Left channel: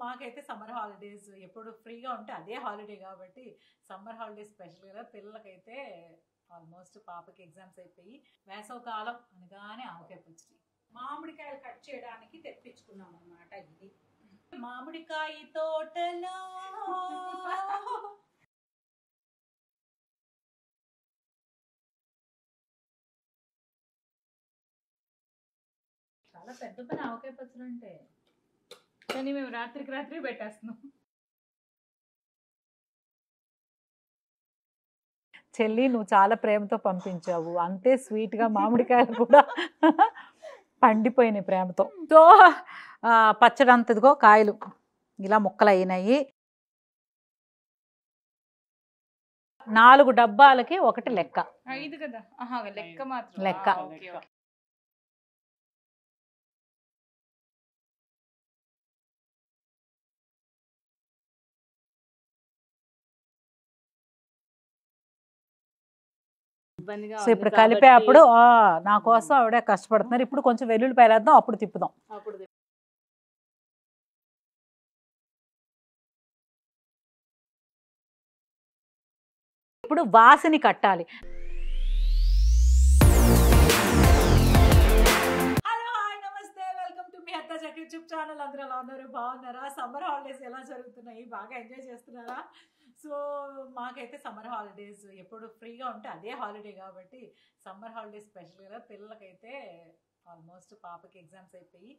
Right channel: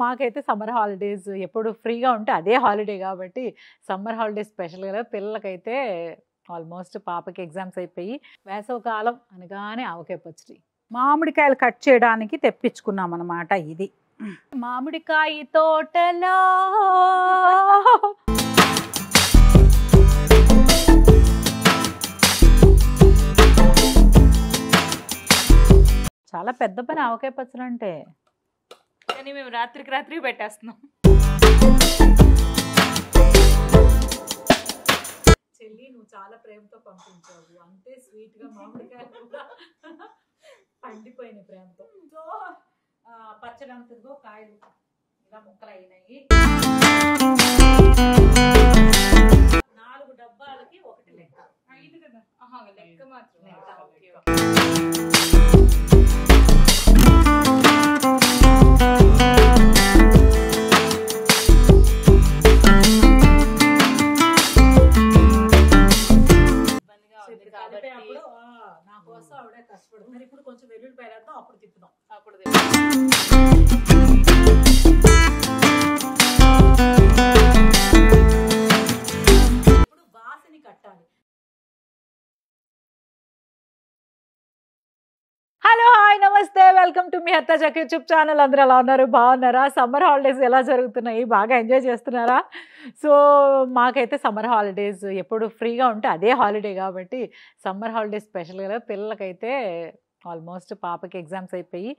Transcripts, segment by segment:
మాకైతే summer holidays ఎప్పుడు ఫ్రీగా ఉంటే అదే హాలిడే కాబట్టి సమ్మర్ హాలిడేస్ స్పెషల్గా పిల్లలకైతే ఆల్మోస్ట్ పాపకి ఎగ్జామ్స్ అయిపోయి వేసవకాలం అనగానే ఆవకాయ పచ్చడి మామిడికాయలు కట్ చేయడానికి తెప్పించుకున్నాం అన్నమాట. ఇది మామిడికాయ తోటలో చాలా పెద్ద పని ఆవకాయ పచ్చడి అంటే, కానీ మేము రాత్రికి రాత్రి పెట్టేస్తున్నాం. చెల్లి నువ్వు చాలా ప్రేమతో పంపించావు, అంతే స్వీట్గా మామిడికాయలు కూడా పండిపోయినాయి ప్రేమతో. సో పచ్చడి అంతదిగో కాయలు ఇలా ముక్కలు అయినాయి. 4 డబ్బాలకి ఒకటి లెక్క. 5 కదా? లెక్క మాత్రం లెక్క. సో ఇప్పుడు కలిపే అప్పుడు నా కోసం ఆవిడే కష్టపడుతున్నారు. ఇప్పుడు కొంచెం వెల్లుల్లిపాయలు వేద్దాం, అప్పుడు తిప్పుదాం. ఇప్పుడు వాసిని కట్టాలి. Hello, hi, namaste, welcome to మీ హత్తా చక్ యూట్యూబ్ ఛానల్. అందరూ ఎలా ఉన్నారు? బాగున్నారా? సమ్మర్ హాలిడేస్ ఎలా జరుగుతున్నాయి? బాగా ఎంజాయ్ చేస్తున్నారా? సో మాకైతే సమ్మర్ హాలిడేస్ ఎప్పుడు ఫ్రీగా ఉంటే అదే హాలిడే కాబట్టి సమ్మర్ హాలిడేస్ స్పెషల్గా పిల్లలకైతే ఆల్మోస్ట్ పాపకి ఎగ్జామ్స్ అయిపోయి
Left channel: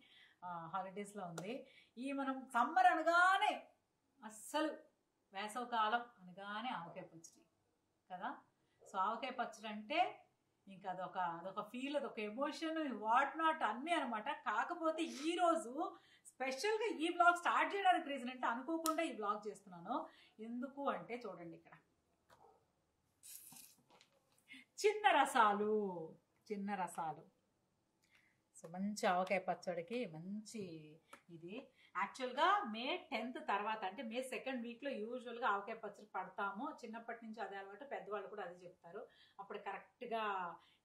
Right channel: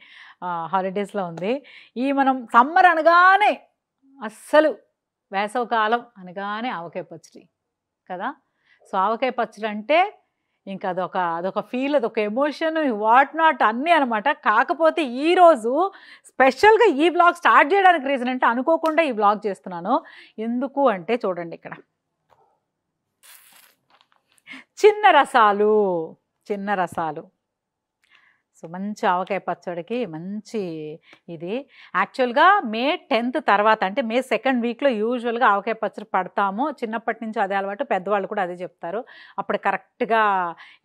హాలిడేస్లో ఉంది. మనం సమ్మర్ అనగానే అస్సలు వేసవకాలం అనగానే ఆవకాయ పచ్చడి కదా. సో ఆవకాయ పచ్చడి అంటే ఇంకా అదొక ఫీల్, అదొక ఎమోషన్, వాట్ నాట్ అన్నీ అనమాట. కాకపోతే ఈరోజు స్పెషల్గా ఈ వ్లాగ్ స్టార్ట్ చేయడానికి రీజన్ అంటే అనుకోకుండా ఈ వ్లాగ్ చేస్తున్నాను. ఎందుకు అంటే చూడండి, ఇక్కడ చిన్న రసాలు. సో మంచి ఆవకాయ పచ్చడికి మంచి ఇది. యాక్చువల్గా May 10th తర్వాత అంటే May 2nd వీక్లో యూజువల్గా ఆవకాయ పచ్చడి పడతాము. చిన్నప్పటి నుంచి అదే అలవాటు, పెద్దవాళ్ళు కూడా అదే చెప్తారు. అప్పుడు కరెక్ట్గా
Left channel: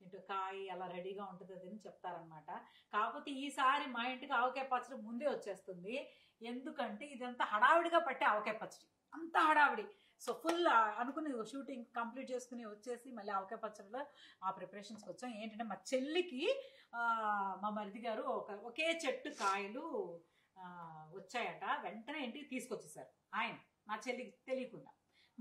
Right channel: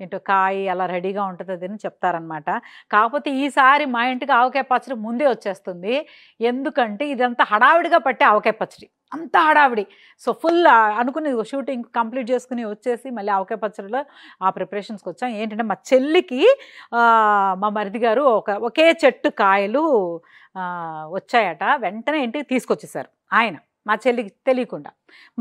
ఏంటో కాయ అలా రెడీగా ఉంటుంది అని చెప్తారనమాట. కాకపోతే ఈసారి మా ఇంటికి ఆవకాయ పచ్చడి ముందే వచ్చేస్తుంది. ఎందుకంటే ఇదంతా హడావిడిగా పట్టే ఆవకాయ పచ్చడి, అంత హడావిడి. సో ఫుల్ అనుకుని షూటింగ్ కంప్లీట్ చేసుకుని వచ్చేసి మళ్ళీ ఆవకాయ పచ్చడిలో ఆ ప్రిపరేషన్స్కి వచ్చాం. ఏంటంటే మా చెల్లికి మా మరిది గారు ఒకే చెట్టు కాయలు వచ్చాయట, వెంటనే ఇంటికి తీసుకొచ్చేసారు ఆయన. మా చెల్లికి తెలియకుండా.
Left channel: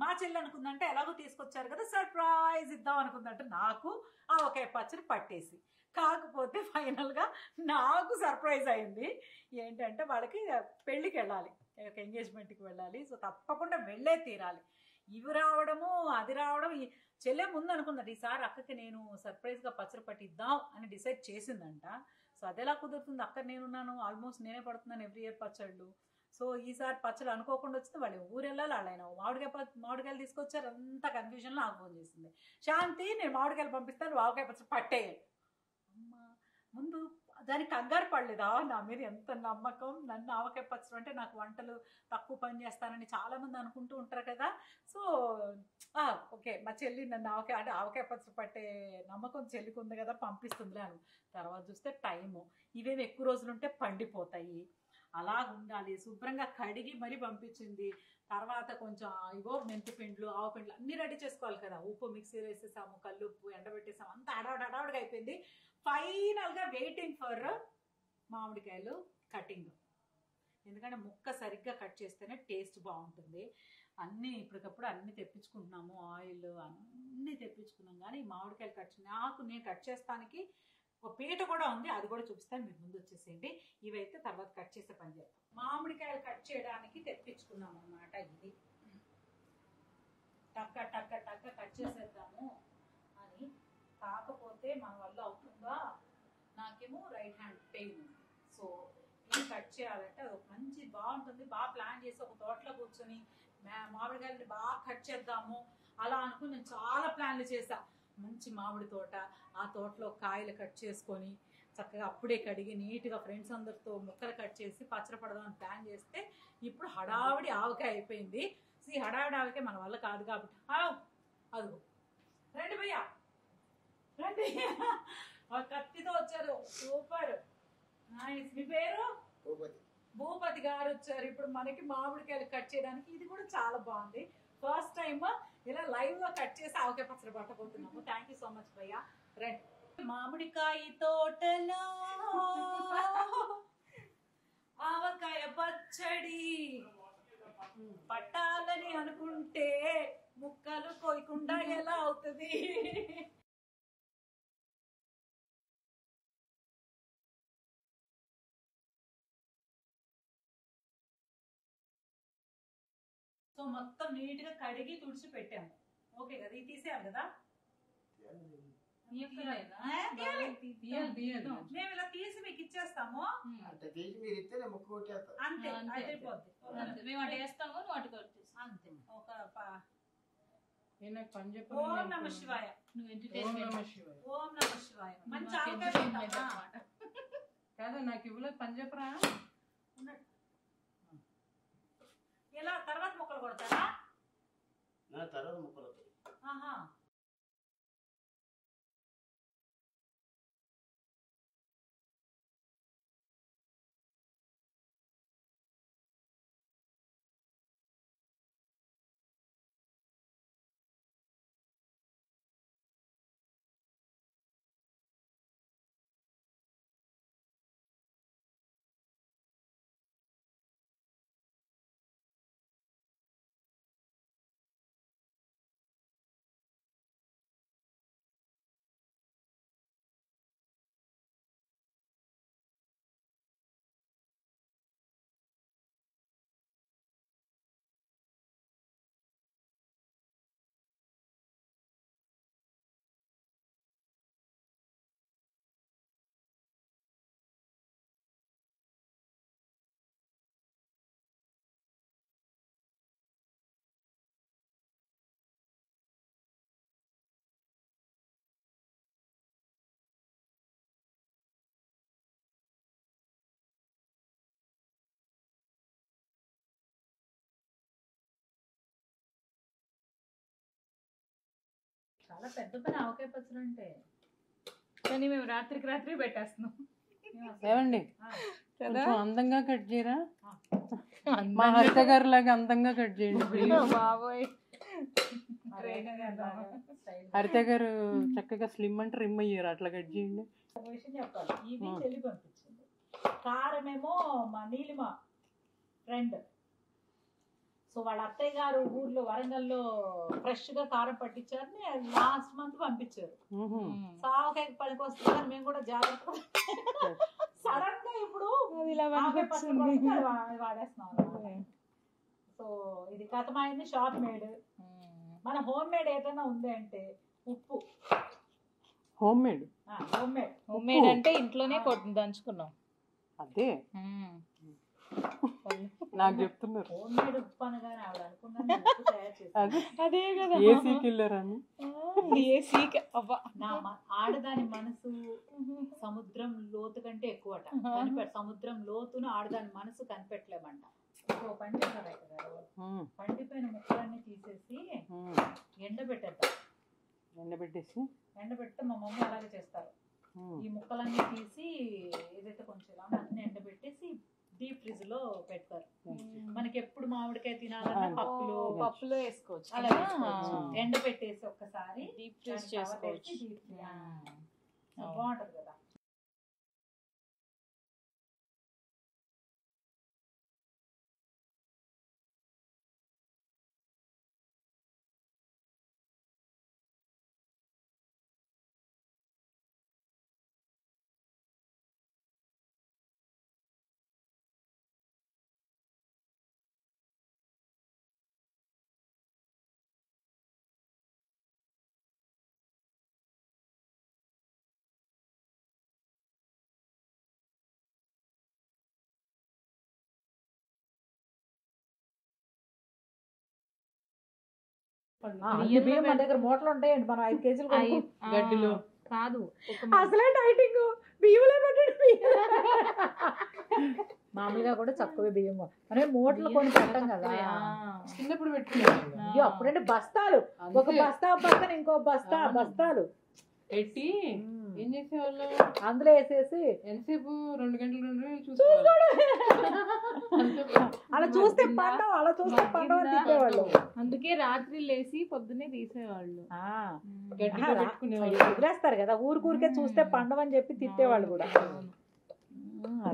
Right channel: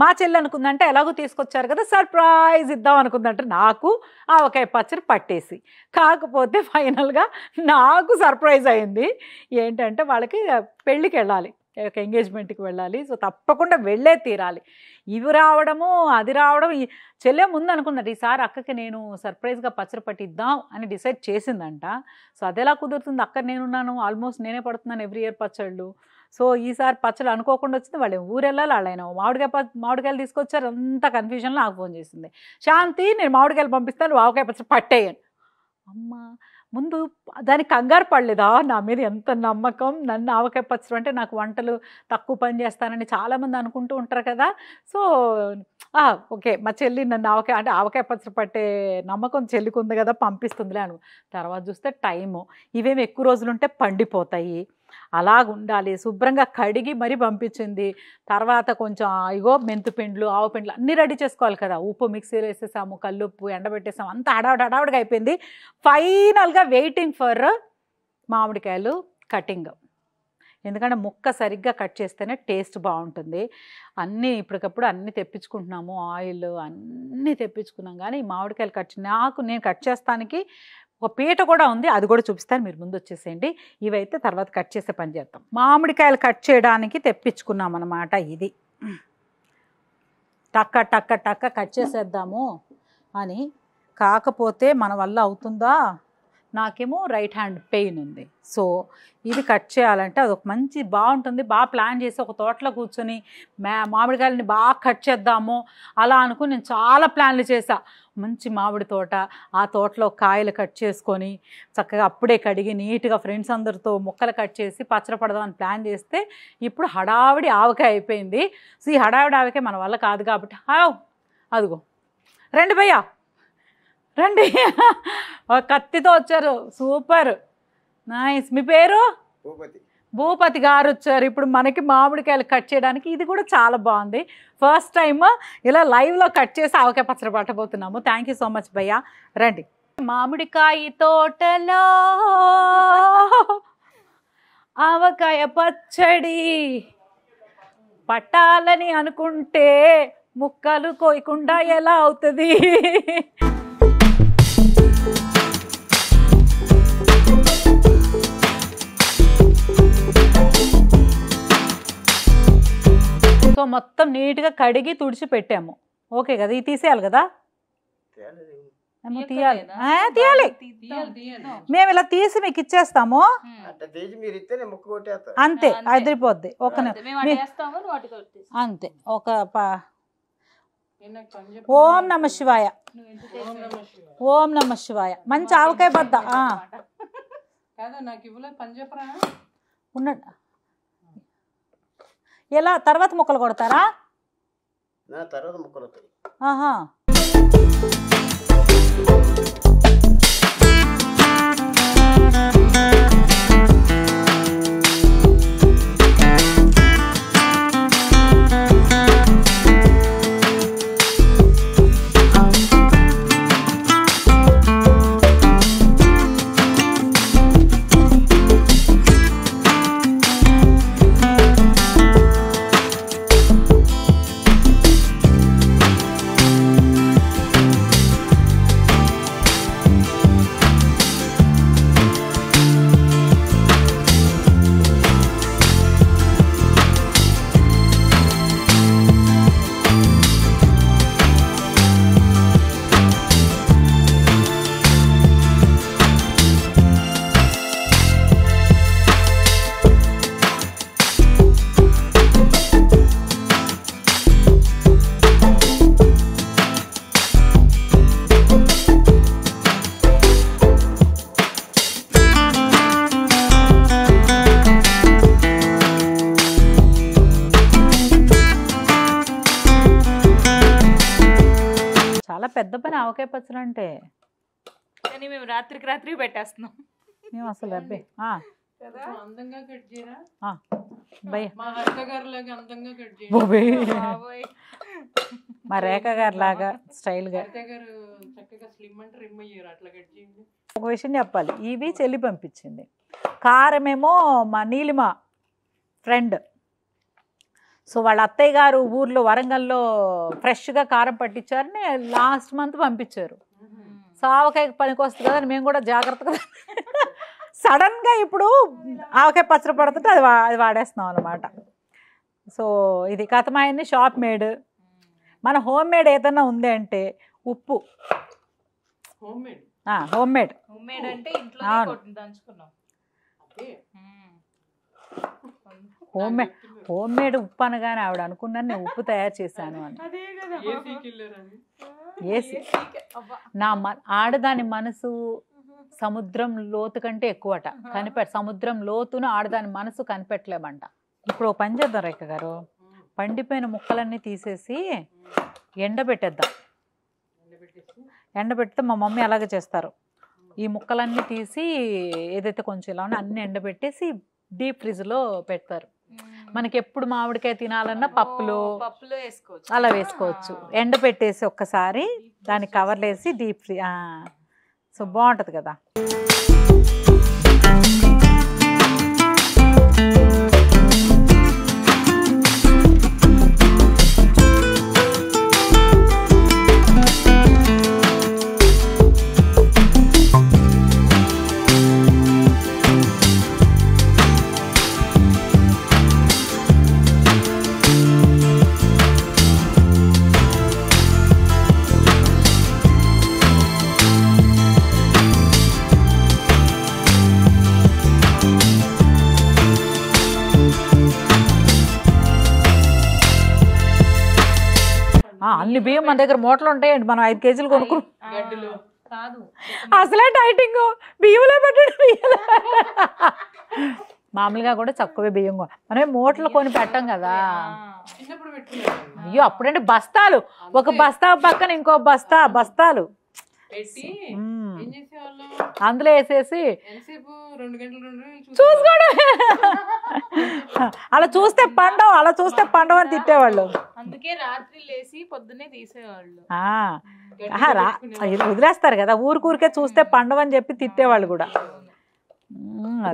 మా చెల్లి అనుకుందంటే ఎలాగో తీసుకొచ్చారు కదా, సర్ప్రైజ్ ఇద్దాం అనుకుందంటే నాకు ఆవకాయ పచ్చడి పట్టేసి. కాకపోతే ఫైనల్గా నాకు సర్ప్రైజ్ అయింది. ఏంటంటే వాళ్ళకి పెళ్ళికి వెళ్ళాలి, ఒక ఎంగేజ్మెంట్కి వెళ్ళాలి. సో తప్పకుండా వెళ్ళే తీరాలి. ఇవి రావడము అది రావడం. చెల్లె ముందు అనుకున్నది ఈసారి అక్కకి నేను సర్ప్రైజ్గా పచ్చడి పట్టిద్దాం అని డిసైడ్ చేసిందంట. సో అదెలా కుదురుతుంది, అక్క నేనున్నాను, ఆల్మోస్ట్ నేనే పడుతున్నాను ఎవ్రీ ఇయర్ పచ్చళ్ళు. సో ఈసారి పచ్చళ్ళు అనుకోకుండా వచ్చింది. వాళ్ళు ఊరు వెళ్ళాలి, వాళ్ళైనా మామిడికాయలు తీసుకొచ్చారు. అంత కన్ఫ్యూజన్లో నాకు ఫోన్ చేసింది, శాంతి నేను మామిడికాయలు పంపిస్తాను, ఆవకాయ పచ్చడి పట్టేయను. అమ్మ ముందు దానికి కంగారు పడలేదా? నా మీద ఎంత నమ్మకం. నన్ను ఆవకాయ పచ్చడి అంటే నాకు వంటలు తక్కువ పని చేస్తానని చాలామంది అనుకుంటూ ఉంటారు కదా. సో ఓకే, మా చెల్లి నన్ను ఆవకాయ పచ్చడి పట్టే నమ్మకం చెల్లికి ఉంది కదా, పంపిస్తుందిలే అను. తర్వాత చూస్తే టైము, ఇవేమి ఎక్కువ రోజులుంటే పండిపోతాయి, అలాగుండాలి. శుభ్రంగా కడిగి మరీ పంపించింది. తర్వాత కొంచెం ఇగో మెంతుపిండ్లు, ఆవు పిండ్లు అన్నీ రెడీ చేసుకోవాలి కదా. ఉప్పు మిక్సీలో వేసేసాము, కల్లుప్పు ఎండబెట్టేసాము, అంతా హడావుడిగా అయిపోయింది. ఫైనల్గా వెయిటింగ్ ఫర్ మామిడికాయలు కటింగ్. ఎందుకంటే ముక్క సరిగ్గా కట్ చేస్తేనే టేస్ట్ బాగుంటుంది. అన్నీ ఇప్పటికప్పుడు అన్నీ తెప్పించుకుంటున్నాము, ఆయిల్ అన్నీ తెప్పించుకున్నాం. కానీ మామిడికాయలు నేను కట్ చేస్తానికి ఒక పీట కూడా ఉంది, అది కూడా చూపిస్తాను, మీరు ముందు వచ్చేసేయండి. ఇవైతే తర్వాత కట్ చేసే పని చేద్దాం. మామిడికాయలు కట్ చేయడానికి తెప్పించుకున్నాం అన్నమాట. ఇది టక్క కట్ చేసేద్దాము అని. కాకపోతే మన వల్ల అవుతుందా? నాకేమో రైట్ హ్యాండ్ పెయిన్ ఉంది. సో ఇది కట్ చేయాలంటే అదొక మంచి బాగుంటుంది. బాగా ప్లాన్ చేసి ఒక తోటలో కూర్చొని మామిడికాయలని బాగా కట్ చేద్దాము అలా అనుకుని నేను చాలా ప్లాన్లు చేశా. మంచి మామిడి తోట, ఆ తోటలో కాయలు కట్ చేసుకొని చక్కగా అప్పుడే కడిగి నీట్గా ఫ్రెండ్స్ అందరితో ముక్కలు కట్ చేసి పచ్చడి పడదామని ప్లాన్ చేస్తే ఇప్పుడు హడావిడి ఆవకాయ అయిపోయింది. సో ఈ హడావిడి ఆవకాయ మన వల్ల కాదు కాబట్టి అదిగో రండి భయ్యా రండి, కత్తితో వచ్చారు, సూపర్ నైస్. మీ పేరు? భూపతి గారు వచ్చారు ఇప్పుడు మనకి మామిడికాయలు కట్ చేయడానికి. ఇది కూడా చాలా బాగుంది. ఫస్ట్ టైం ఇలా లైవ్లో కట్ చేసి ఆవకాయ పచ్చడి పట్టబోతున్నాము. థ్యాంక్ యూ సో మచ్ భయ్యా. రండి. మామిడికాయ తోటలో ఆవకాయ పచ్చడి పట్టాలని అనుకుంటే ముక్కలు కోయకుండా ఎలా అవుతుంది? సో మొత్తం నీట్గా కడిగి తుడిచి పెట్టాము. ఓకే కదా, ఇది తీసేయాలి కదా? తీయాలి తీయాలి. మేము ఇలా తీసి మీకు ఇచ్చేస్తాము అంతే, అదిరిపోద్ది. అంతే. ఒక ఓం నమ శివాయ, ఓం నమ శివాయ. మంచి ఆవకాయ బద్ద ఉన్నాడు. ఎలా తర్వాత ముక్కలు కొడతారా? ఆహా. పెద్ద పని ఆవకాయ పచ్చడి అంటే. కానీ మేము రాత్రికి రాత్రి పెట్టేస్తున్నాం. మేము అసలు అందంగా కట్ చేయరా? మా హరిత గారి లాగా అందంగా కట్ చేయండి. మా రేఖ గారి లాగా స్టైల్ గా. హరిత గారు చక్కగా స్లిమ్ అంటే రిమ్ అయ్యారు, అట్లా కట్ చేయండి. ఒక విషయం చెప్పాలి, ఇవి చెల్లి పంపించింది. కారమేమో మా నీలిమ ఫ్రెండ్. సో వాళ్ళ అత్తయ్య గారు ఊర్లో వరంగల్లో ఫ్రెష్గా కారం పట్టించారని లాస్ట్ మంత్ పంపించారు. సో ఆవకాయ పనికి వస్తుంది కదా అని మేము కూడా జాగ్రత్తగా సడన్గా ఇప్పుడు ఆవకాయ పచ్చడి పడుతుంటే అది వాడేస్తున్నాం అనమాట. సో ఇది కథమాయన్ని షాప్ మేడ్. మన హోమ్ మేడ్ ఏదన్నా ఉంది అంటే ఉప్పు. హోమ్ మేడ్ అంటే ఇంట్లో దంచుకున్నాం. అదే హోమ్ మేడ్ ఉప్పు అనగానే ఆవిడ అనుకున్నాను నేను ఉప్పు తయారు చేశాను. నా ఆడదాని మనసు సముద్రం లోతు కంటే ఎక్కువట. సముద్రం లోతును ఆడదాని మనసు కనిపెట్టలేమంట. ఇప్పుడు ఓ పని చేద్దాం రేఖ గారు, పండిపోయిన ముక్కలన్నీ తీసేసి ఎండబెట్టేద్దాం. ఎండబెడితే మా మమ్మీ అలాగే చేస్తారు. ఈ ముక్కలన్నీ తీసి ఏదైతే కొంచెం ఇలా ఉన్నా అన్ని ఎండబెట్టేసి డీప్ ఫ్రిడ్జ్ లో పెడతారు. మనకి ఎప్పుడు మామిడికాయ తినాలన్నా పప్పులో వేసుకోవచ్చు, అలా వేసుకోవచ్చు. ఎండ పెట్టేసి ఒక్కసారి దాన్ని కవర్లు వేసి డీప్ ఫ్రీ. సో బాగుంటది కదా. అన్ని బియ్యం మన దగ్గర మూటలు ఉంటాయండి, మనం 5 కేజీలు కొనుక్కు. అసలే డైటింగ్, బియ్యంలో పెట్టండి. మామూలుగా కూడా తక్కువే బియ్యం, మనం మూటలు కొని పెట్టం కదా. అయ్యో అప్పుడంటే బస్తాలు, ఒక బస్తా పక్కన ఇంకో బస్తాలు ఏం చేసేవాళ్ళు అందులో వేసేసి ఎంతసేపు 2 గంటలు చూసుకోవడం. అలా చూస్తే పండవ అని తిట్టేవాళ్ళు. అందుకే రాత్రి లేసి పొద్దున్నే తీసేవాళ్ళు. ఇది వదిలేస్తారు కదా, ఊరికే చూస్తే పండవని చెప్పి తిట్టేవాళ్ళు కూడా.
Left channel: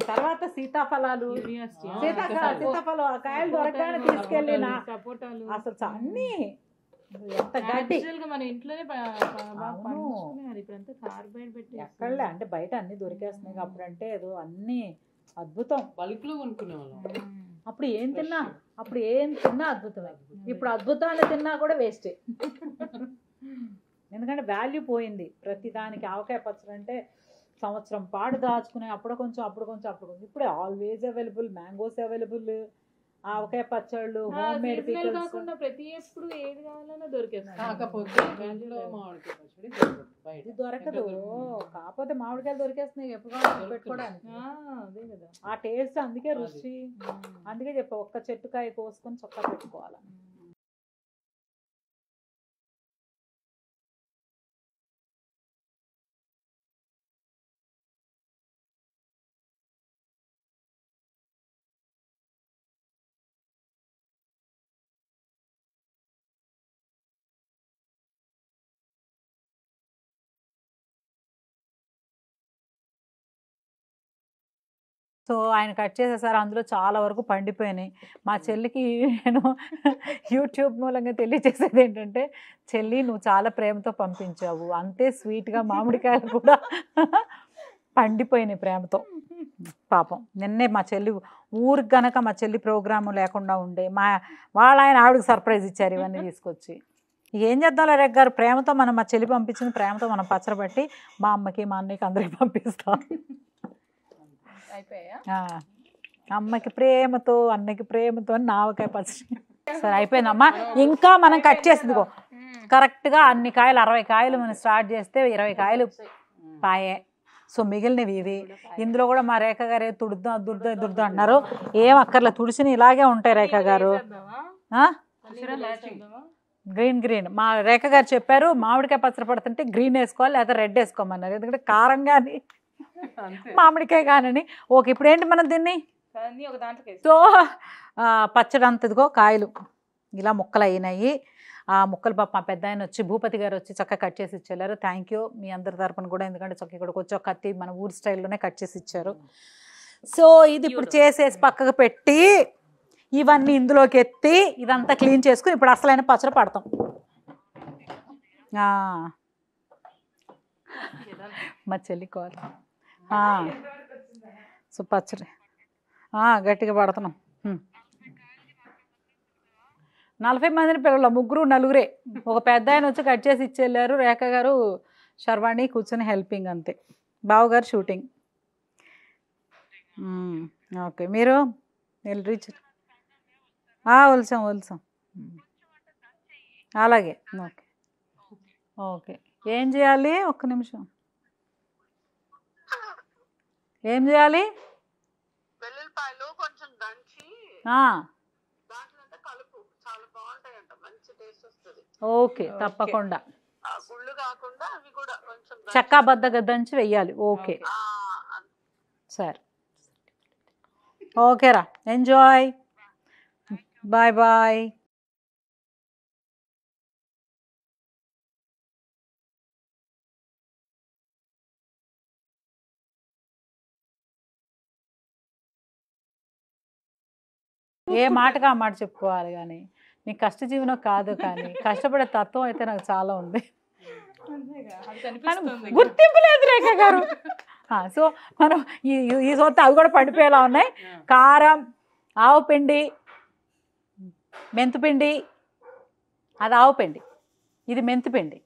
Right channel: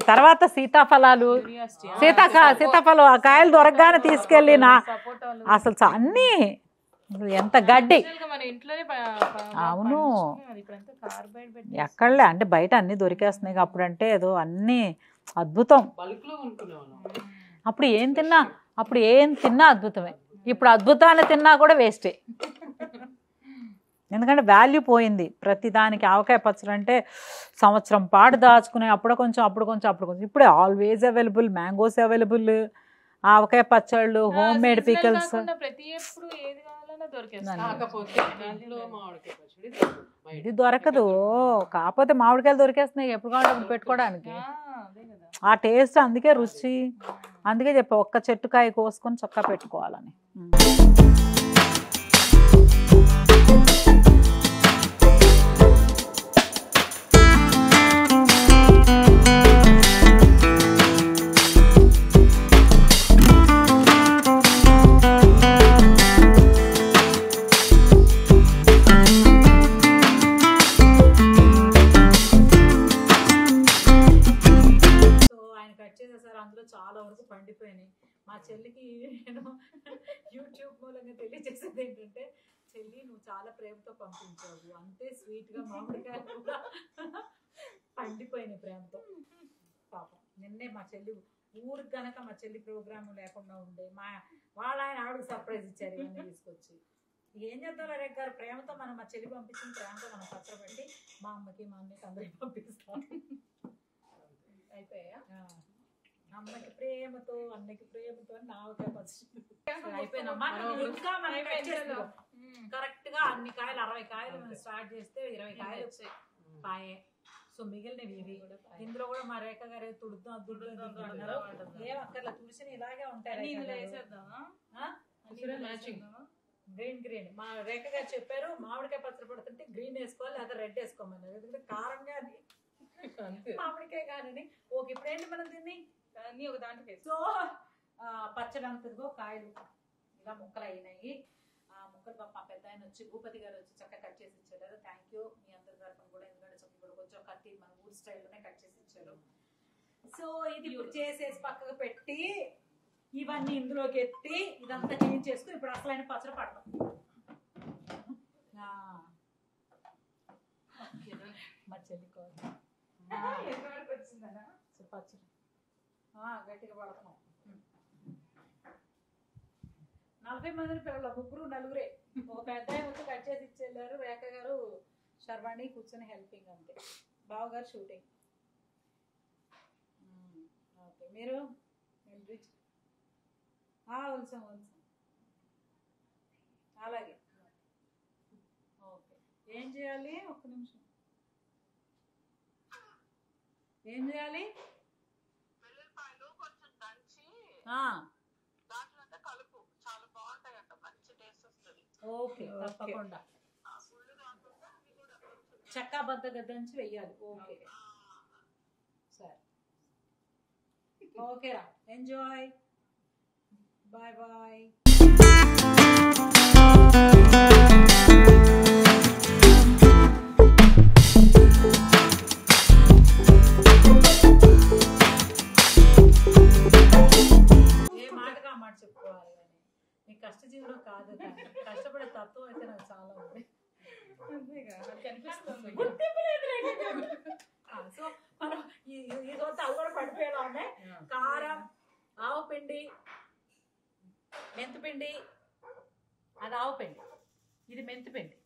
తర్వాత సీతాఫలాలు, సీతాఫలం ఆ కాయలు దొరకగానే తీసుకెళ్ళి అసలు అన్నీ ఎంత గడ్డి. అవును, ఎక్కడలే అంటే బయట అన్ని దొరికేస్తున్నాయి. అప్పుడంటే ఏదో అన్నీ అద్భుతం. అప్పుడు ఏం తిన్నా అద్భుతమే. ఇప్పుడు అద్భుతాన్ని తిన్నా కూడా వేస్టే. ఎందుకంటే వాల్యూ పోయింది ప్రతి దానికి. ఆవకాయ పచ్చడి అంటే సంవత్సరం పాటు దాచుకునే అప్పుడు కొంచెం ఇప్పుడే ఆల్వేస్ అవైలబుల్. మ్యాంగోస్ అవైలబుల్, ఆవకాయ పచ్చళ్ళు, హోమ్ మేడ్ పికల్స్. ఇది దొరకదు, కాకపోతే మామిడికాయలు దొరికేస్తున్నాయి ఎప్పుడు కావాలి పెట్టుకోవడానికి. ఆ టేస్ట్ అందుకే రుచి. అందుకే చెప్పా ఒక్క చెట్టుకాయ కోసుకొని చక్కగా పెట్టుకోవాలని. కట్ చేసేసారు, అందులో చాలా వరకు పండిపోయినాయి. మా చెల్లికి నేను యూట్యూబ్ మూలంగా తెలియజేసేది ఏంటంటే, చెల్లి నువ్వు చాలా ప్రేమతో పంపించావు, అంతే స్వీట్గా మామిడికాయలు కూడా పండిపోయినాయి ప్రేమతో. పాపం నిన్నే మా చెల్లి ఊరికి గనక మా చెల్లి ప్రోగ్రాము లేకుండా ఉండే ఆయన ఆవిడకి సర్ప్రైజ్ ఇచ్చారు ఇవన్నీ తీసుకొచ్చి. ఏం చేద్దాం రేఖ గారు, ప్రేమతో మా చెల్లి పంపించిన ప్రేమతో మనం పచ్చడబట్టి మా అమ్మకి మా అన్నయ్యకి అందరికి పంపిస్తాం. అమ్మకి ప్రేమతో అన్నకి ప్రేమతో ఆవకాయ పచ్చడి. సరే అయిపోయిందమ్మా. ఇంకా మనం కట్ చేసిందిగో కరెక్ట్గా అన్ని కాయలు 60 కాయలు మనం స్టార్ట్ చేస్తే 20 కాయలు పాయే. సో మిగిలినవి ఇవి. ఇందులో కూడా మా రేఖ గారు దుర్దా అన్నారు. ఏం అక్కర్లే, తుడిసిని ఇలాగే ఉంటాయి రేఖ గారు. గ్రీన్ మా రేఖ గారు చెప్పారు మామిడికాయ పచ్చడి పడుతుంటే గ్రీన్ వేసుకోవాలి లేదా రెడ్ వేసుకోమన్నారు. ఎందుకంటే కారం కానీ మామిడికాయ కానీ. ఓకే, ఇప్పుడు ఏంటి మనం దీన్ని సో పచ్చడి అంతదిగో కాయలు ఇలా ముక్కలు అయినాయి. ఆ ముక్కలు పాప మా పెద్ద ఆయన వచ్చి భూపతి గారు వచ్చి చక్కగా కట్ చేసి ఇచ్చారు. థ్యాంక్ యూ మీ అందరి తరపున కూడా, ఎందుకంటే చక్క ఇక్కడికి వచ్చి ఒక కత్తి మన ఊరి స్టైల్లోనే కట్ చేసి ఇచ్చారు. సో ఇది ఇప్పుడు చేసేసి పక్కకు పెట్టి ఇవన్నీ ఇందులోకి ఎత్తి ఇదంతా క్లీన్ చేసుకుని ఇప్పుడు అసలైన పచ్చడి పడతాం. మా చెల్లి కాల్. సో పచ్చడి గట్టిగా పడుతున్నాం. 40 మందిని పిల్లలు, 3 4 ఒక పెద్ద ఆయన వచ్చి కట్ చేసి ఇచ్చేళ్ళారు. రేఖ గారు శర్వాణి కూర్చొని హెల్పింగ్ అంతే. బావగారు షూటింగ్. ఓకే, మీరు రీచ్ వలిసాం అలాగే. ఓకే ఓకే, ఏం చేయాలి? ఒక్క నిమిషం. ఏం చేయాలి? ఓకే తప్పకుండా చక్కాబద్దగా దంచి వెయ్యాలి. ఓకే సరే, ఓకేరా, ఎంజాయ్, బాయ్ బాయ్. ఏ మాటగా ఆ మాట చెప్పుకోవాలి కానీ నీ కష్టజీవనం కాదు, కానీ కష్టపడే తత్వం అయితే నాకు చాలా ఉంది. గుర్తింపు లేదు రేఖ గారు. సో మనం ఈ సొంత అవి కూడా పండిపోయేలా ఉన్నాయి. కారం, ఆవు పిండి, మెంతిపిండి, అది ఆవు పిండి, ఇది మెంతిపిండి,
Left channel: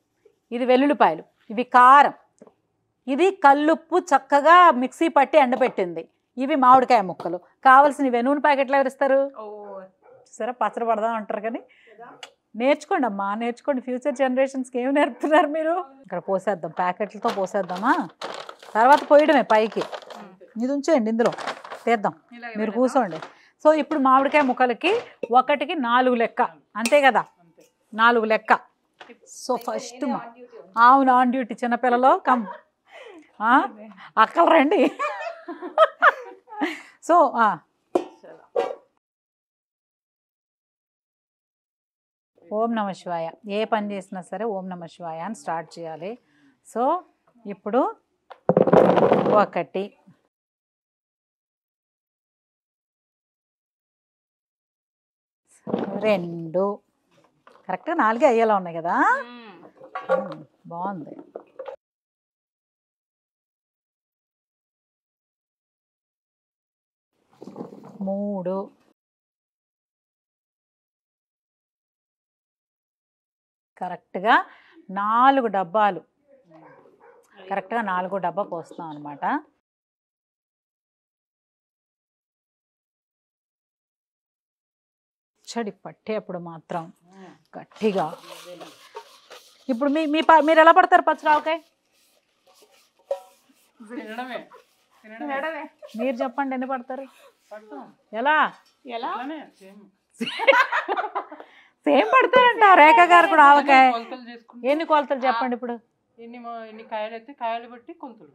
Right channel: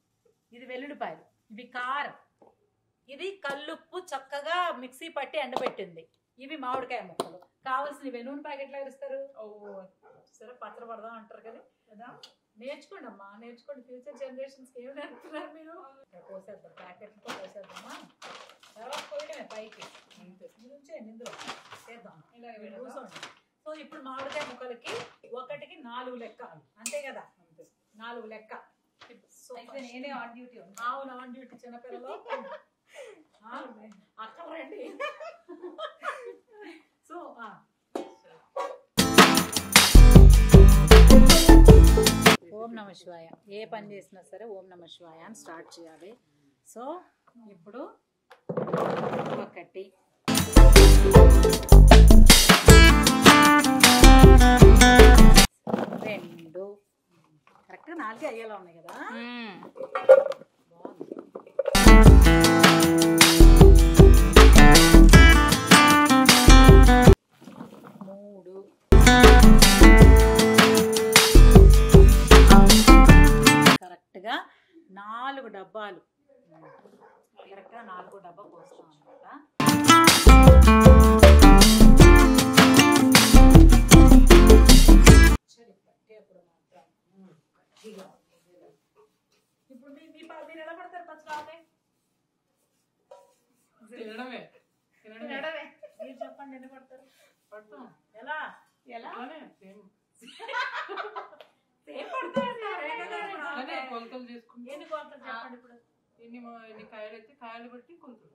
ఇది వెల్లుల్లిపాయలు, ఇవి కారం, ఇది కల్లుప్పు చక్కగా మిక్సీ పట్టి ఎండబెట్టింది, ఇవి మామిడికాయ ముక్కలు. కావాల్సినవి నూనె ప్యాకెట్లు ఎవరు ఇస్తారు? సరే పచ్చడి పడదాం అంటారు కానీ నేర్చుకోండి అమ్మా, నేర్చుకోండి. ఫ్యూచర్ జనరేషన్స్కి ఏమి నేర్పుతున్నారు మీరు? ఇక్కడ పోసేద్దాం, ప్యాకెట్లతో పోసేద్దామా, తర్వాత పోయడమే పైకి. ఇది ఉంచేయండి, ఇందులో తీద్దాం, మీరు కూర్చోండి. సో ఇప్పుడు మామిడికాయ ముక్కలకి 1కి 4 లెక్క, అంతే కదా, 4 లెక్క. సో ఫస్ట్ అవును ఆన్ డ్యూటీ చిన్నపిల్లలో అక్కలు రండి. సో ఓం నమ శివాయ, ఏ పని చేసినా సరే ఓం నమ శివాయ అని స్టార్ట్ చేయాలి. సో ఇప్పుడు 1 2 కరెక్ట్గా 4 అయ్యేలా ఉన్నాయి కదా. బాగుంది. 3 కరెక్ట్గా 4 డబ్బాలు, కరెక్ట్గా 4 డబ్బా పోస్తాం అనమాట. చడి పట్టేప్పుడు మాత్రం గట్టిగా. ఇప్పుడు మీరు ఎలా పడతారు పచ్చిరావకాయ? మీరు చెప్పండి ఎన్ని పడతారు? ఎలా సేమ్ పడతారంట రేఖ గారు కూడా ఆవకాయ. ఎన్ని కొలతలు చెప్పండి ఇప్పుడు? ఎన్ని కాయలు అయితే కాయలు బట్టి కొలతలు.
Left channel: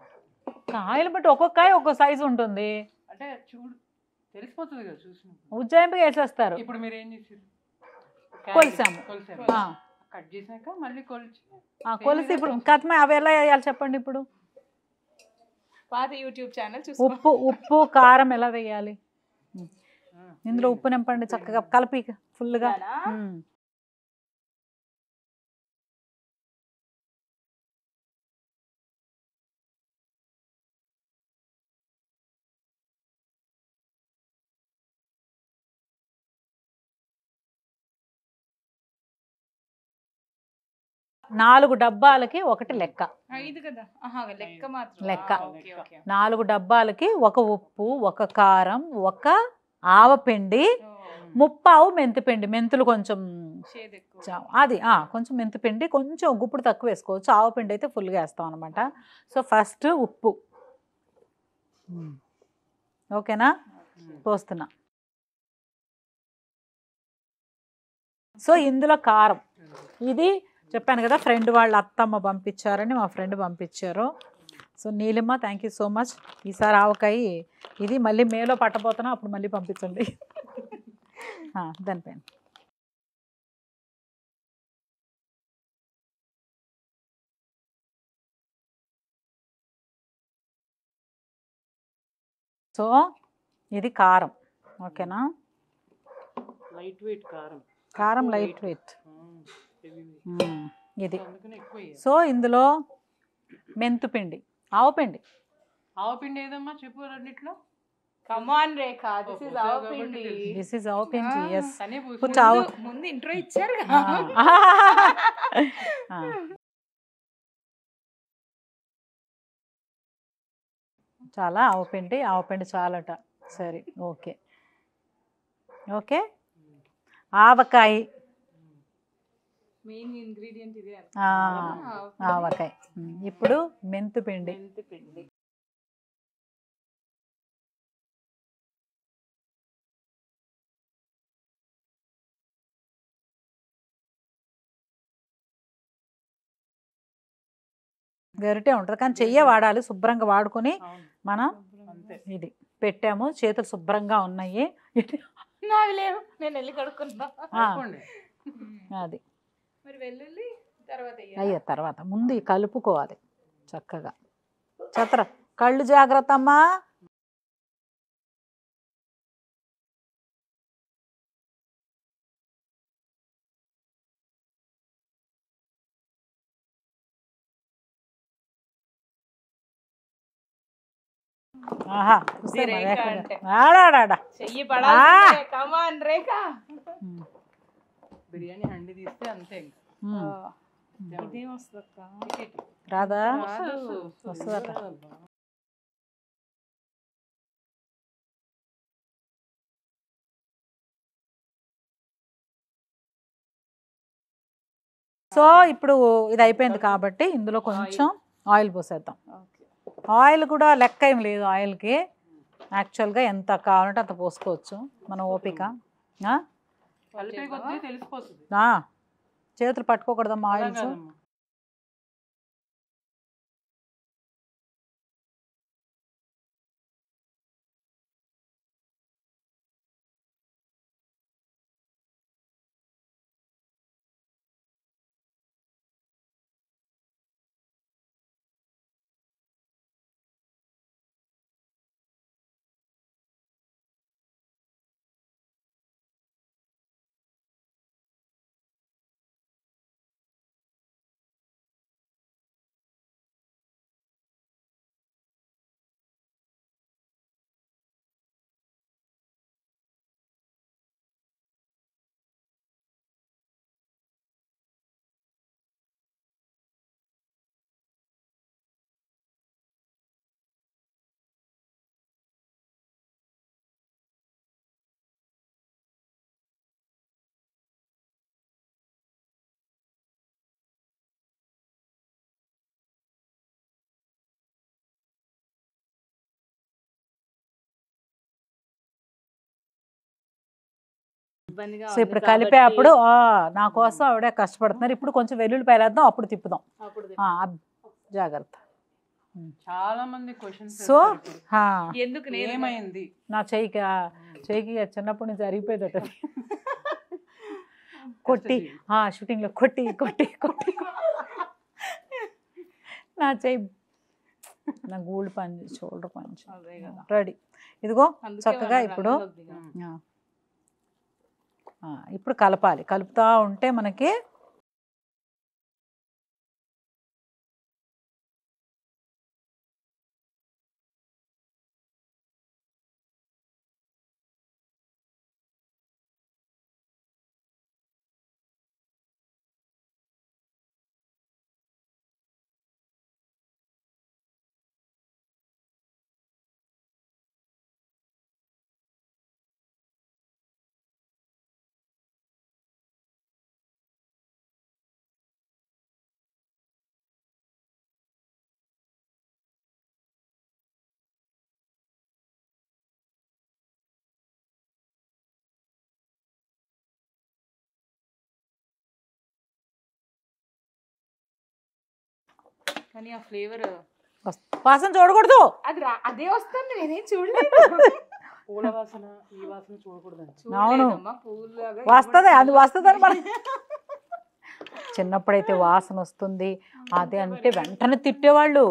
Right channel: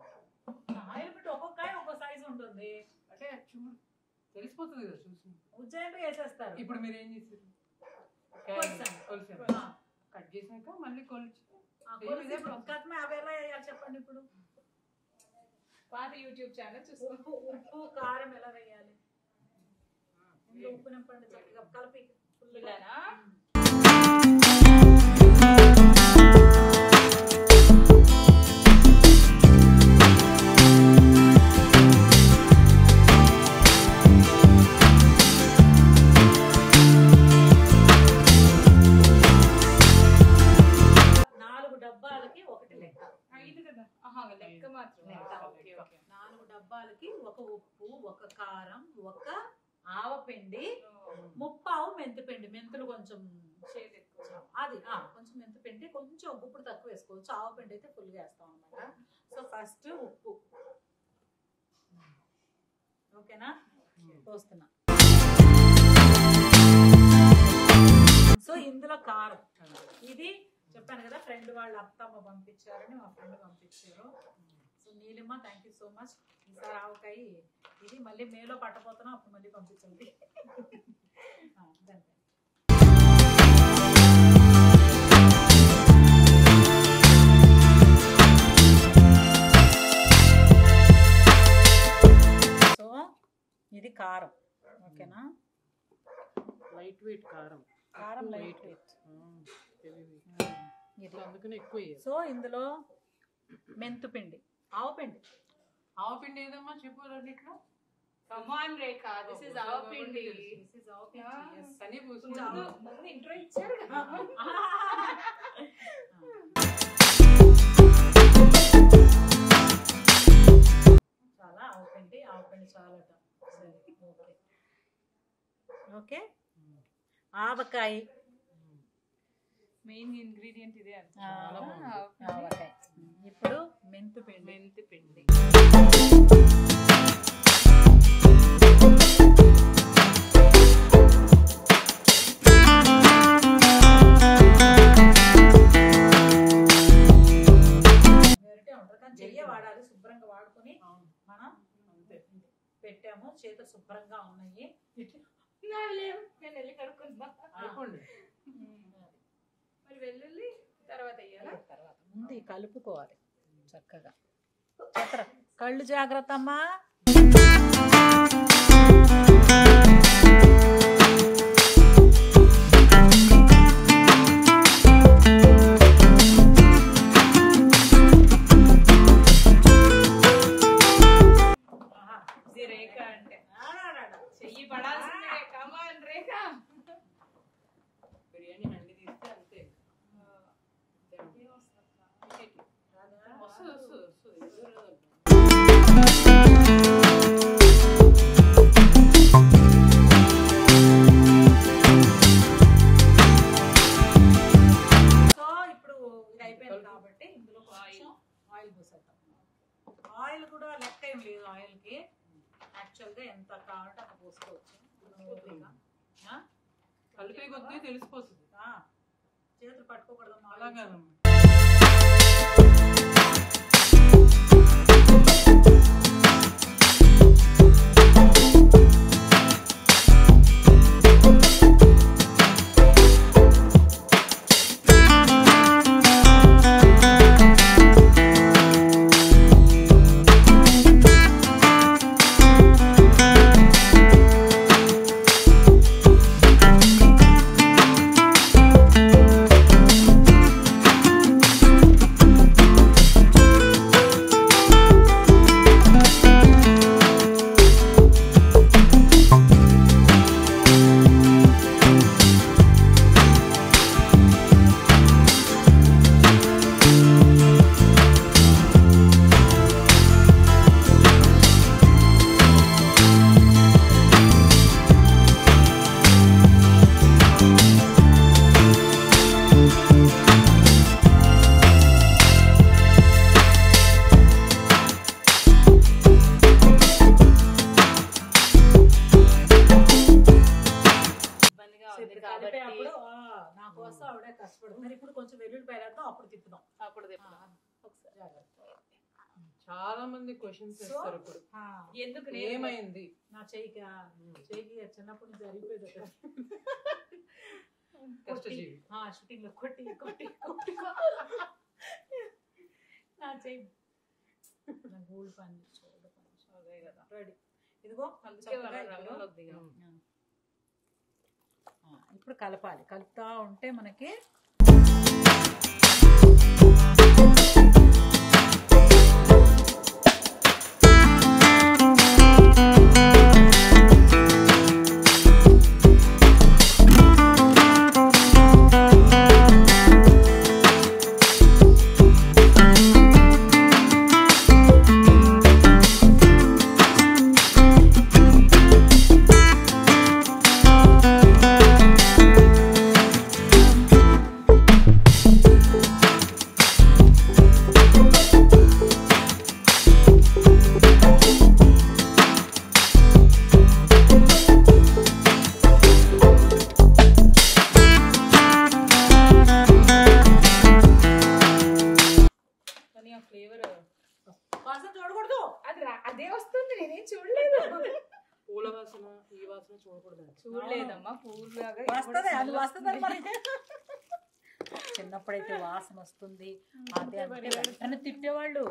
కాయలు బట్టి ఒక్కొక్క కాయ ఒక్కొక్క సైజు ఉంటుంది. అంటే చూడు తెలిసిపోతుంది కదా చూసి. ఉజ్జాయింపుగా వేసేస్తారు. ఇప్పుడు మీరు ఏం చేసారు? కొలిసాము. కట్ చేసాక మళ్ళీ కొలిసి ఇప్పుడు కథమే అవి ఎలా వేయాలి చెప్పండి ఇప్పుడు? పాత యూట్యూబ్ ఛానల్ ఉప్పు కారం ఎలా వేయాలి? ఇందులో ఉప్పు నింపండి చక్కగా కలిపి ఫుల్గా. 4 డబ్బాలకి 1 లెక్క. 5 కదా. లెక్క మాత్రం. లెక్క 4 డబ్బాలకి 1 ఉప్పు, 1 కారం, 1 ఆవపిండి, 30 మెంతిపిండి. మెంతులు కొంచెం అది కొంచెం మెంతిపిండి, కొంచెం గుప్పుడు తక్కువ వేసుకోవచ్చు. ఆవపిండి అయితే ఫుల్గా వేస్తాం అనమాట. సో ఫస్ట్ ఉప్పు, ఓకేనా? పోస్తున్నా. సో ఇందులో కారం, ఇది చెప్పాను కదా ఫ్రెండ్ వాళ్ళ అత్తమ్మ పంపించారని, మా ఫ్రెండ్ పంపించారు. సో నీలిమ్మ థ్యాంక్ యూ సో మచ్. ఈసారి ఆవకాయ ఇది మళ్ళీ మేలో పట్టబోతున్నా, అప్పుడు మళ్ళీ పంపించండి. దానిపైన సో ఇది కారం, ఓకేనా? లైట్ వెయిట్ కారం. కారం లైట్ వెయిట్ ఇది. సో ఇందులో మెంతుపిండి, ఆవపిండి. ఆవపిండి ఏదమ్మా చెప్పు రెండిట్లో. Come on Rekha, this is avapindi. This is avapindi. yes. ముందు ఇంట్రో ఇచ్చారు. చాలా ఆవపిండి, ఆవపిండి చాలట. సరే ఓకే ఓకే. ఆవకాయ మెయిన్ ఇంగ్రీడియంట్ ఇదే. ఆవకాయ. ఇప్పుడు మెంతిపిండి. గరిటే ఉంటుంది కానీ చెయ్యే వాడాలి. శుభ్రంగా వాడుకొని మనం ఇది పెట్టాము. చేతులు శుభ్రంగా ఉన్నాయి. నేను వెళ్ళి కడుక్కుంటా. అది అయ్యో తర్వాత ముందు కలుపుకోవాలి చక్కగా. చత్ర కళ్ళు జాగ్రత్త అమ్మా. బిర్యానీ హండి తీస్తే అంతే. రాదా? వస్తుందట. సో ఇప్పుడు ఇది అయిపోయింది కాబట్టి ఇందులో కొంచెం ఆయిల్ పోసేద్దాం. ఆయిల్ కూడా లెక్క ఏం లేదు ఆయిల్కి. యాక్చువల్గా ఎంత కావాలంటే అంత పోసుకోవచ్చు మన ఓపిక. చేతులు పట్టుకోకూడదమ్మా ఆయిల్స్. ఒక్కదానిగా సో ఉంది ఇప్పుడు కాబట్టి కలిపే అప్పుడు నా కోసం ఆవిడ కష్టపడుతున్నారు. ఇప్పుడు కొంచెం వెల్లుల్లిపాయలు వేద్దాం, అప్పుడు తిప్పుదాం. అప్పుడు జాగ్రత్త. చాలా మంది క్వశ్చన్స్ సో ఎందుకు నేను ఏమైంది నా చెయ్యికి చిన్నప్పటి నుంచి అరిగిపోయేదట. కొట్టి షూటింగ్లో కొట్టి కొట్టి కొట్టి నా చెయ్యి నా గూళ్ళు పని షోల్డర్ పని రెడీ. ఇదిగో చక్కగా ఇప్పుడు ఇప్పుడు కలపాలి. కలుపుతూ ఉంటే మనకి ఫ్లేవర్ వాసన చూడకూడదు. అది అదే వస్తుంది, నేనేం చూడలేదు. పూల వాసన ఈ వాసన చూడకూడదు. అవును వస్తుంది, అది వస్తుందని మనం చిన్నప్పుడైతే వాసన వస్తుంది అదే అంటే వెంటనే తిట్టేవాళ్ళు.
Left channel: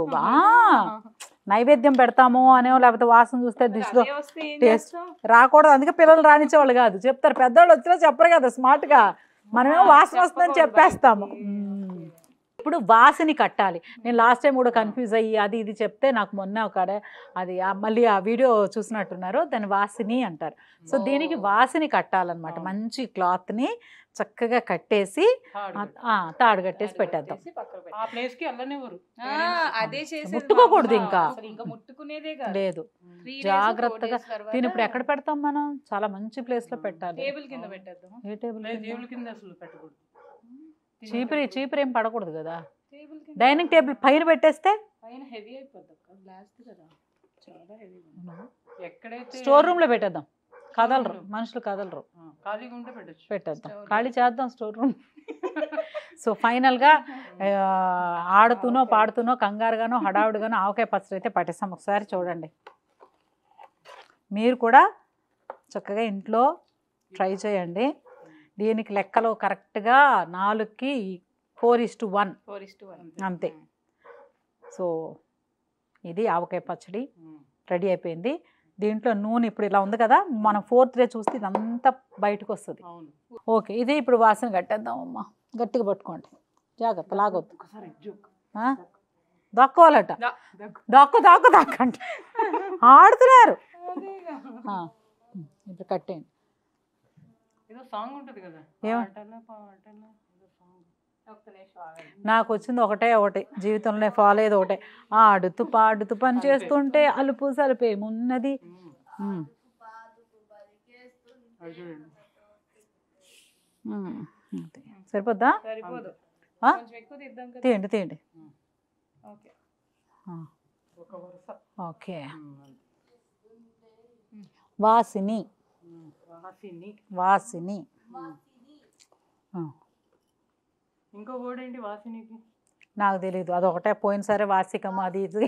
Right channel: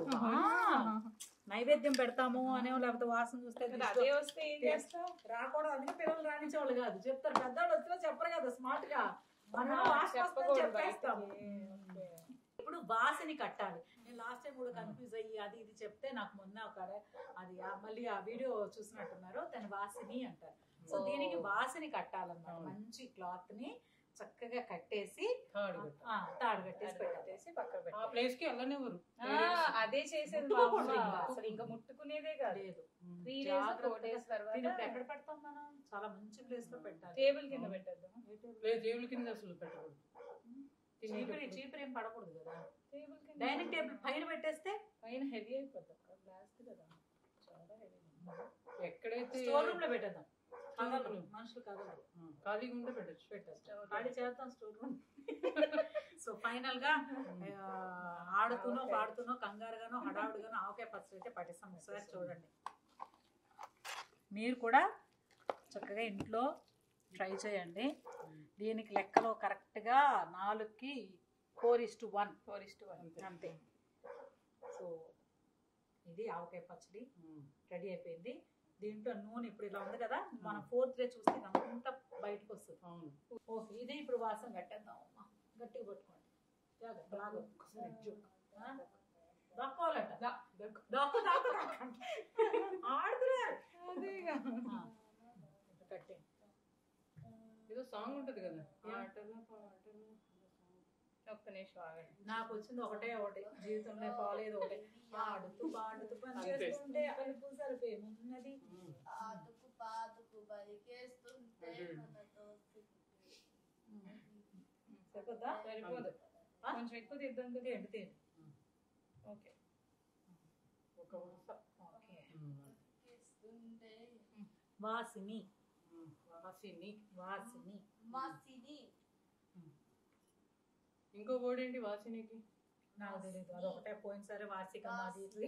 నైవేద్యం పెడతాము అనేవో, లేకపోతే వాసన చూస్తే దిష్టిలో టేస్ట్ రాకూడదు, అందుకే పిల్లలు రానిచ్చేవాళ్ళు కాదు. చెప్తారు పెద్దవాళ్ళు వచ్చినా చెప్పరు కదా స్మార్ట్గా, మనమేమో వాసన వస్తుందని చెప్పేస్తాము. ఇప్పుడు వాసని కట్టాలి. నేను లాస్ట్ టైం కూడా కన్ఫ్యూజ్ అయ్యి అది ఇది చెప్తే నాకు మొన్న ఒక అది మళ్ళీ ఆ వీడియో చూసినట్టున్నారు, దాన్ని వాసిని అంటారు. సో దీనికి వాసిని కట్టాలన్నమాట. మంచి క్లాత్ని చక్కగా కట్టేసి తాడు కట్టేసి పెట్టేద్దాం. ఆ ప్లేస్ కి వెళ్ళనివ్వరు, అదే చేసి ముట్టుకోకూడదు, ఇంకా ముట్టుకునేదే లేదు. జాగ్రత్తగా దీని ఇప్పుడు ఎక్కడ పెడతాం మనం? చాలా మంచి ప్లేస్ లో పెట్టాలి. టేబుల్ కింద పెట్టేద్దాం. ఏ టేబుల్? టేబుల్ కింద అసలు పెట్టకూడదు. చీపురు ఏం పడకూడదు కదా. డైనింగ్ టేబుల్ పైన పెట్టేస్తే పైన హెవీ అయిపోద్ది, గ్లాస్ కదా చాలా హెవీ. ఎక్కడైతే స్టోర్ రూమ్ లో పెట్టేద్దాం, కదలరు మనుషులు, కదలరు. ఖాళీగా ఉంటే పెట్టేద్దాం, ఖాళీ చేద్దాం స్టోర్ రూమ్. సో ఫైనల్గా ఆడుతూనో పాడుతూనో కంగారుగానో హడావుడిగానో ఆవకాయ పచ్చడి అయితే పట్టేస్తాం. ఒకసారి చూడండి, మీరు కూడా చక్కగా ఇంట్లో ట్రై చేయండి. దీనికి లెక్కలు కరెక్ట్గా 4కి 4:1 అంతే. సో ఇది ఆవకాయ పచ్చడి రెడీ అయిపోయింది. దీంట్లో నూనె ఇప్పుడు ఇలా ఉంది కదా, మనం 4th డే చూస్తే ఇదంతా బయటకు వస్తుంది. ఓకే, ఇది ఇప్పుడు వాసన కట్టేద్దాం. అమ్మ గట్టిగా పట్టుకోండి, జాగ్రత్త, లాగొద్దు. దక్కోవాలట, దాక్కండి, ఆడుతున్నారు. ఇప్పుడు కట్టేయండి. ఏదో సాంగ్ ఉంటుంది కదా, నాకు వచ్చింది ఒకటి జీవితంలో ఫాలో అయ్యేది ఒకటే. ఆడుతూ పాడుతూ పని చేస్తుంటే అలుపు సలుపేమున్నది. సరిపోద్దా? తీయండి. ఓకే, వాసిని. ఇంకో వర్డ్ ఏంటి వాసినికి? నాకు తెలీదు, అదొకటే. పోయినసారి వాసికమ్మ అది ఇది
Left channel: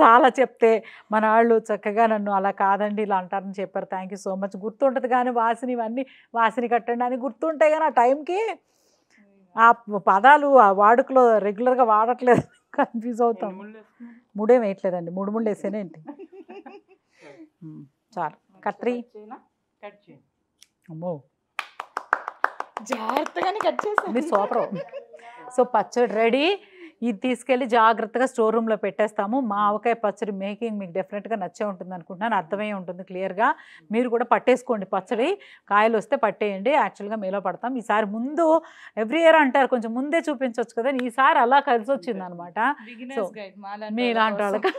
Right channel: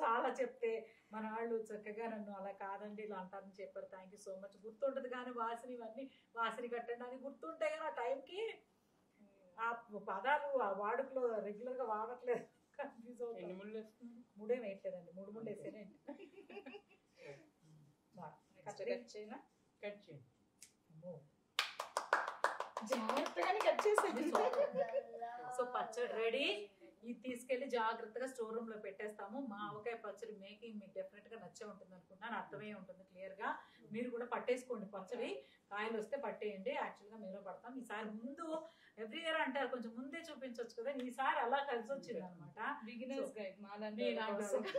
చాలా చెప్తే మన వాళ్ళు చక్కగా నన్ను అలా కాదండి ఇలా అంటారని చెప్పారు. Thank you so much. గుర్తుంటుంది కానీ వాసిని, ఇవన్నీ వాసిని కట్టండి అని గుర్తుంటాయి కానీ ఆ టైంకి ఆ పదాలు ఆ వాడుకలో రెగ్యులర్గా వాడట్లేదు, కన్ఫ్యూజ్ అవుతాం. 3 వేయట్లేదండి, 3 ముళ్ళు వేసేనేంటి. చాలు, కట్రీ అమ్మో జాగ్రత్తగానే కట్ చేసి మీరు సూపర్. సో పచ్చడి రెడీ. ఇది తీసుకెళ్ళి జాగ్రత్తగా స్టోర్ రూమ్లో పెట్టేస్తాము. మా ఆవకాయ పచ్చడి మేకింగ్ మీకు డెఫినెట్గా నచ్చే ఉంటుంది అనుకుంటున్నాను, అర్థమై ఉంటుంది క్లియర్గా. మీరు కూడా పట్టేసుకోండి పచ్చడి, కాయలు వస్తే పట్టేయండి. యాక్చువల్గా మేలో పడతాం ఈసారి. ముందు ఎవ్రీ ఇయర్ అంటారు కొంచెం ముందే చూపించవచ్చు కదా, ఈసారి అలా కలిసి వచ్చింది అనమాట. సో మీలాంటి వాళ్ళకి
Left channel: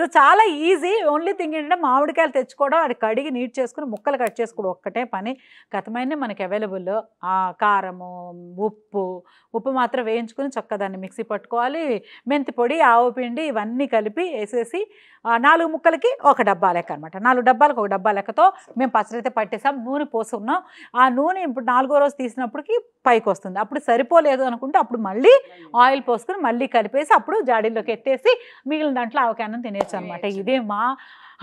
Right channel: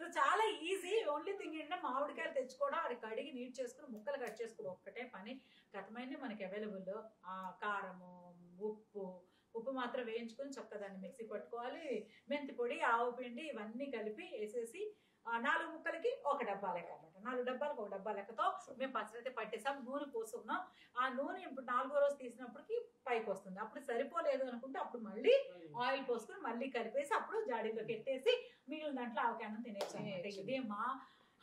సో చాలా ఈజీ. ఓన్లీ థింగ్ ఏంటంటే మామిడికాయలు తెచ్చుకోవడం, అది కడిగి నీట్ చేసుకుని ముక్కలు కట్ చేసుకోవడం ఒక్కటే పని. గతమైన మనకి అవైలబుల్ కారము, ఉప్పు మాత్రం వేయించుకుని చక్కగా దాన్ని మిక్సీ మిక్సీ పట్టుకోవాలి, మెంతి పొడి, ఆవు పిండి ఇవన్నీ కలిపి వేసేసి 4 ముక్కలకి 1 డబ్బా లెక్క అనమాట. 4 డబ్బాలకు 1 డబ్బా లెక్కతో మేము పచ్చడి అయితే పట్టేసాం. నూనె పోసుకున్నాం. ఆ నూనె ఇప్పుడు 4వ రోజు తీసినప్పటికి పైకి వస్తుంది. అప్పుడు సరిపోలేదు అనుకుంటే అప్పుడు మళ్ళీ ఆయిల్ పోసుకుని మళ్ళీ కలిపేసి అప్పుడు జాడీలోకి ఎత్తేసి మిగిలిన దాంట్లో ఆవకాయ అన్నం తినేచ్చు అనమాట. ఇదే మా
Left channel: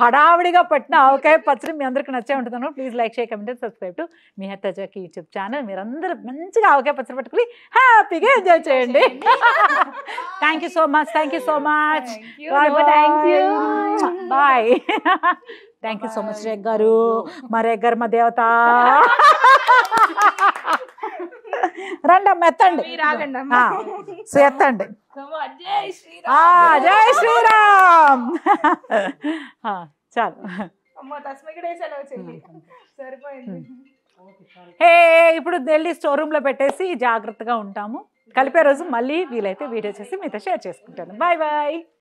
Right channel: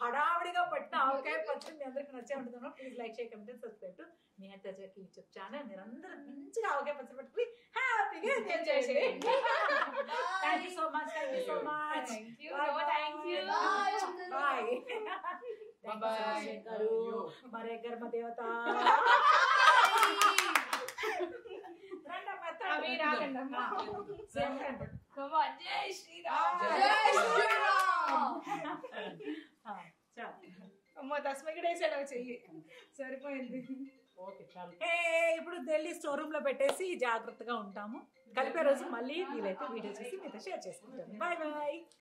హడావిడిగా పట్టిన ఆవకాయ పచ్చడి. మీ అందరికీ నచ్చే ఉంటుందను. Please like, share, comment, subscribe to Niharitha Jackie YouTube channel. మీరందరూ మంచిగా ఆవకాయ పచ్చడి పట్టుకుని హ్యాపీగా ఎంజాయ్ చేయండి. Thank you so much. Thank you so much. Bye. Thank you so much రేగ్ గారు. మా రేగ్ గారు మా దేవత. రండమ్మ ఎత్తండి. సో ఎత్తండి. జై శ్రీరామ్. చాలు. ఇప్పుడు వెళ్ళి స్టోర్ రూమ్ లో పెట్టేసి జాగ్రత్తగా ఉంటాము. కలిపే రోజు మళ్ళీ వీలైతే వీడియో చేసి మీతో షేర్ చేసుకుంటాను. Bye bye.